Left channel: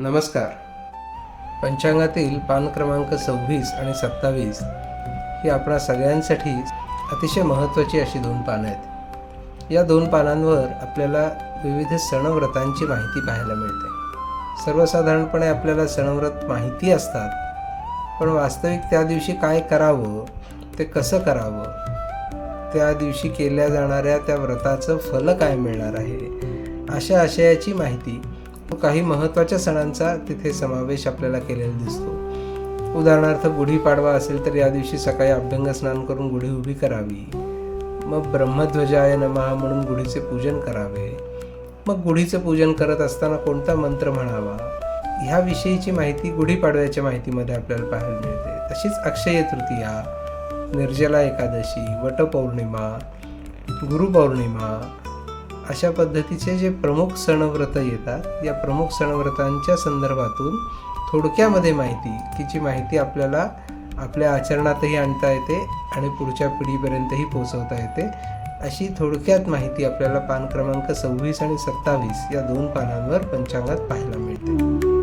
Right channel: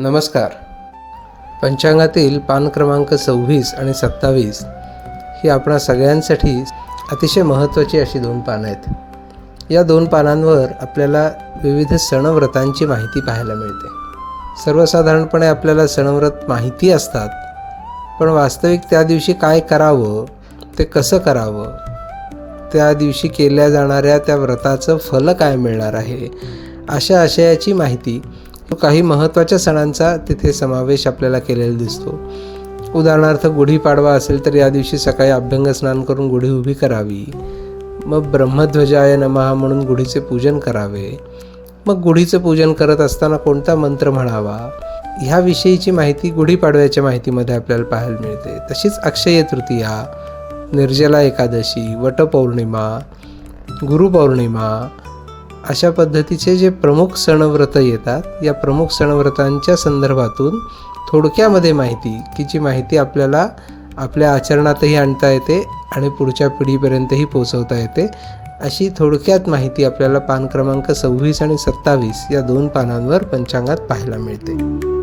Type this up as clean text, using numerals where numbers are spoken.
नमस्कार. पंचांगातील पान क्रमांक 26 आणि 27 ही आपणा सगळ्यांसाठी अतिशय महत्त्वाची अशी 2 पानं आहेत. या 2 पानांवर आपल्याला विविध सणव्रतांची माहिती पाहायला मिळते. सर्वसाधारणपणे आपल्याला सणव्रत माहिती असतात, पण वास्तविक त्या दिवशी काय करावं, ते कसं करावं, त्या दिवशी केल्या जाणाऱ्या त्या व्रताचं फल काय मिळणार आहे, अशा आशयाची माहिती काही महत्त्वाच्या सणांचा तिथे समावेश आपल्याला केलेला दिसतो. उदाहरणार्थ गुढीपाडवा असेल तर या दिवशी सकाळी अभ्यंग स्नान करून गुढी उभी करावी. मग ब्रह्मध्वजाय नमः म्हणून गुढीचे पूजन करावे. मग गुढीचं पूजन करत असताना कोणता मंत्र म्हणावा, ह्याविषयीची माहिती गुढीपाडव्याच्या माहितीमध्ये आपल्याला पाहायला मिळते. तशीच अक्षय तृतीया, निर्जला एकादशी, वटपौर्णिमा, गुरुपौर्णिमा अशा पद्धतीचे जे प्रमुख सणव्रत येतात, या प्रमुख सणव्रतांच्या संदर्भातून थोडक्यामध्ये माहिती की जी माहिती आपल्याला आपल्या आचरणातही आणता येते आणि पुढच्या पिढीपर्यंतही पोचवता येते, अशी थोडक्यात माहिती आपल्याला पान क्रमांक 26 आणि 27 या 2 पानांवर पंचांगात पाहायला मिळते.